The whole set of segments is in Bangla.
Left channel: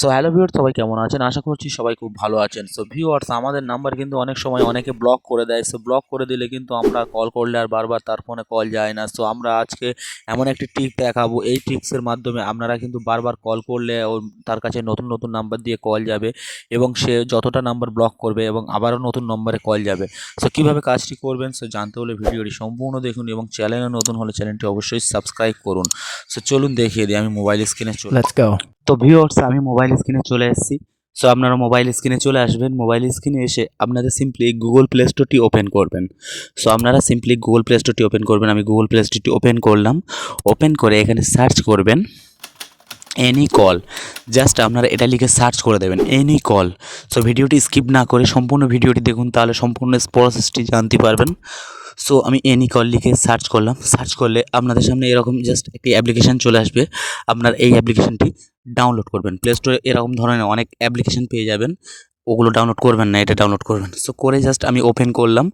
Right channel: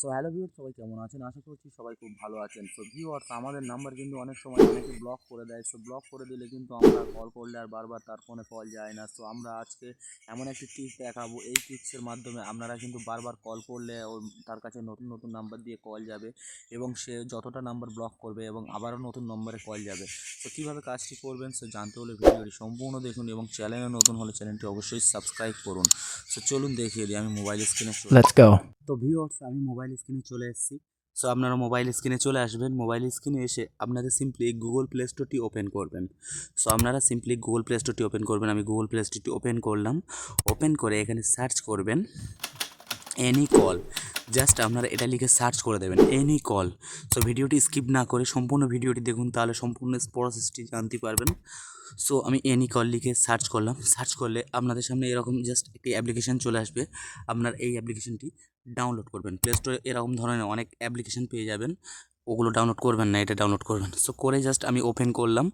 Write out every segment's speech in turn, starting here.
সো হ্যালো ভিউয়ার্স, সবাই কেমন আছেন? আশা করছি সবাই খুব ভালো আছেন। সো ভিউয়ার্স, আমাদের নাম্বার কিন্তু অনেক সময় অনেকে ব্লক করে দেয়। সো ব্লক করে দিলে কিন্তু আমরা কল করলে আর বারবার তার ফোনে কল যায় না। সো আমরা আজকে এমন একটি ট্রিক দেখাবো, এই ট্রিক্সের মাধ্যমে আপনারা কিন্তু বারবার কল করলে তার কাছে নতুন নতুন নাম্বার দিয়ে কল যাবে এবং সে যতটা নাম্বার ব্লক করবে এবং আবারও নতুন নম্বরে কল যাবে। সো কীভাবে কাজটি করবেন সো জানতে হলে ভিডিওটি সম্পূর্ণ দেখুন এবং চ্যানেলে নতুন হলে চ্যানেলটি অবশ্যই সাবস্ক্রাইব করুন। সো চলুন দেখিয়ে দিই, আমি মোবাইল স্ক্রিনে Let's go. তো ভিউয়ার্স, আমি মোবাইল স্ক্রিনে চলে এসেছি। সো আপনারা মোবাইল স্ক্রিনে চলে আসবেন। মোবাইল স্ক্রিনে এসে আপনাদের সিম্পলি গুগল প্লে স্টোরটি ওপেন করবেন। সো আপনারা সিম্পলি গুগল প্লে স্টোরটি ওপেন করবেন। আমি গুগল প্লে স্টোরটি ওপেন করলাম। ওপেন করে এখানে সার্চ করবেন এনি কল। জাস্ট আপনারা এটা লিখে সার্চ করে দেবেন এনি কল। সো ভিডিওটি স্কিপ না করে সম্পূর্ণ ভিডিওটি দেখুন, তাহলে সম্পূর্ণ প্রসেসটি জানতে পারবেন। সো আমি এনি কল লিখে সার্চ করলাম। সার্চ করলে আপনাদের সামনে এরকম জাস্ট একটি অ্যাপ্লিকেশান চলে আসবে। আপনার এই অ্যাপ্লিকেশানটি ডাউনলোড করবেন। প্লে স্টোরে এরকম ধরনের অনেক অ্যাপ্লিকেশান পেয়ে যাবেন, ওগুলো ডাউনলোড করবেন না, এটা ডাউনলোড করবেন। সো করে জাস্ট আমি ওপেন করলাম।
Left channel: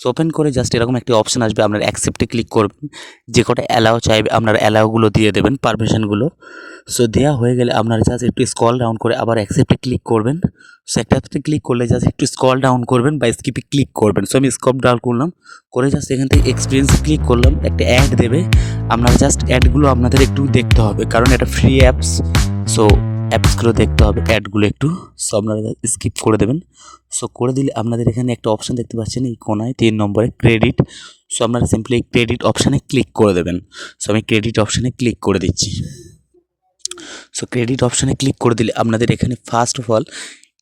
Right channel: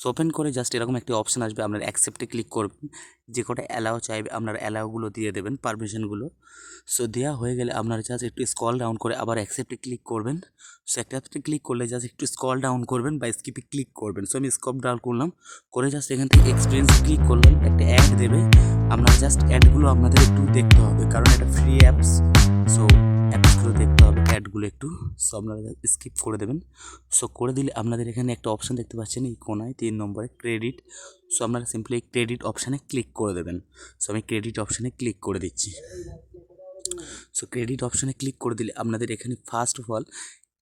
সো ওপেন করে জাস্ট এরকম একটি অপশান আসবে, আপনার অ্যাকসেপ্টে ক্লিক করবেন। যে কটা অ্যালাও চাইবে আপনার অ্যালাওগুলো দিয়ে দেবেন, পারমিশনগুলো। সো দেওয়া হয়ে গেলে আপনারা জাস্ট একটু স্ক্রল ডাউন করে আবার অ্যাকসেপ্টে ক্লিক করবেন। সো একটাতে ক্লিক করলে জাস্ট একটু স্ক্রল ডাউন করবেন বা স্কিপে ক্লিক করবেন। সো আমি স্ক্রল ডাউন করলাম, করে জাস্ট এখান থেকে এক্সপিরিয়েন্স ক্লিক করলাম। একটা অ্যাড দেবে, আপনারা জাস্ট অ্যাডগুলো আপনাদের একটু দেখতে হবে, কারণ এটা ফ্রি অ্যাপস। সো অ্যাপসগুলো দেখতে হবে, অ্যাডগুলো একটু। সো আপনারা স্কিপ করে দেবেন। সো করে দিলে আপনাদের এখানে একটা অপশান দেখতে পাচ্ছেন এই কোনায় 3 নম্বরে ক্রেডিট। সো আপনারা সিম্পলি ক্রেডিট অপশানে ক্লিক করে দেবেন। সো আমি ক্রেডিট অপশানে ক্লিক করে দিচ্ছি। সো ক্রেডিট অপশানে ক্লিক করে দিলে আপনাদের এখানে first of all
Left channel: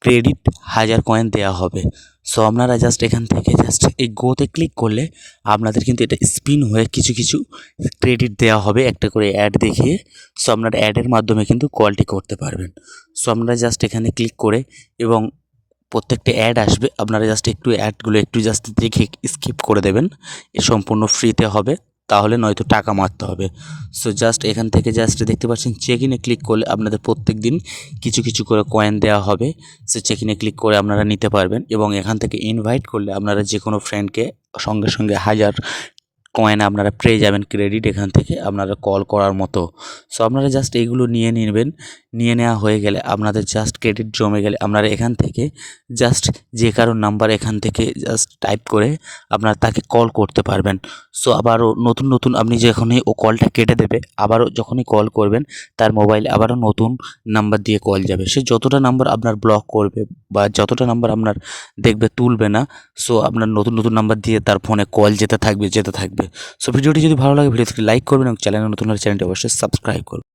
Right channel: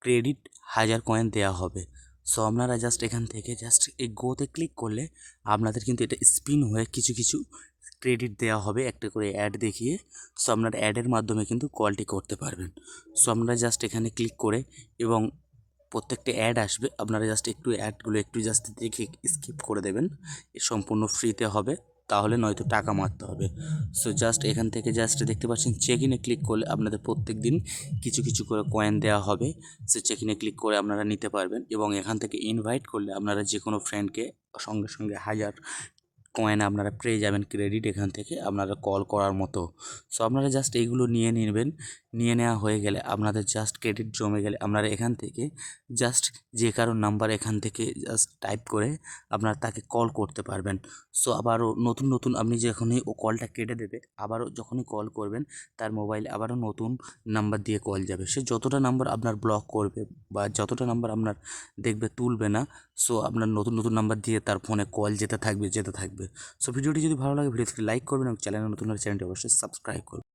credit 1000 coin দেওয়া হবে। সো আপনারা জাস্ট এখান থেকে জাস্ট এই গোতে ক্লিক করলে আপনাদের কিন্তু এটা স্পিন হয়ে কিছু কিছু ক্রেডিট দেওয়া হবে একটা করে অ্যাড দেখিয়ে। সো আপনারা অ্যাডের মাধ্যমে কিন্তু কলটি করতে পারবেন। সো আপনারা জাস্ট এখানে ক্লিক করে এবং প্রত্যেকটা অ্যাড আসবে, আপনারা জাস্ট একটু অ্যাডগুলো একটু জাস্ট দেখে স্কিপ করে দেবেন। এ সম্পূর্ণ ফ্রিতে হবে, তাহলে নয়তো টাকা মারতে হবে। সো জাস্ট এখান থেকে জাস্ট দেখতে পাচ্ছেন চেক ইনে ক্লিক করলে আপনাদের প্রত্যেক দিন কিছু কিছু করে কয়েন দেওয়া হবে। সো চেক ইনে ক্লিক করে আপনারা নিতে পারবেন এবং এখান থেকে ইনভাইট করলে আপনারা যে কোনো ফ্রেন্ডকে সঙ্গে সঙ্গে 1000 কয়েন আপনারা পেয়ে যাবেন ক্রেডিট এখান থেকে আপনারা কল করার মতো। সো আপনারা জাস্ট এইগুলো নিয়ে নেবেন। নিয়ে নেওয়া হয়ে গেলে আপনাদের জাস্ট ক্রেডিট জমে গেলে আপনারা এখান থেকে জাস্ট যে কারো নাম্বার এখান থেকে জাস্ট টাইপ করে আপনারা তাকে কল করতে পারবেন। সো আবারও নতুন নতুন আপনি যখনই ও কলটা কেটে দেবে, আবারও যখনই কল করবেন তার মোবাইলে আবারও নতুন নাম্বার দিয়ে কল যাবে। সে যতটা নাম্বার আপনার ব্লক করবে বা যতটা নাম্বার আপনার দেখবে তুলবে না, সো আপনার নতুন নতুন নাম্বার দিয়ে তার ফোনে কল যেতে থাকবে যেতে থাকবে। সো ভিডিওটি যদি ভালো লাগে ভিডিওটি লাইক করবেন এবং চ্যানেলে নতুন হলে চ্যানেলটি অবশ্যই সাবস্ক্রাইব করবেন।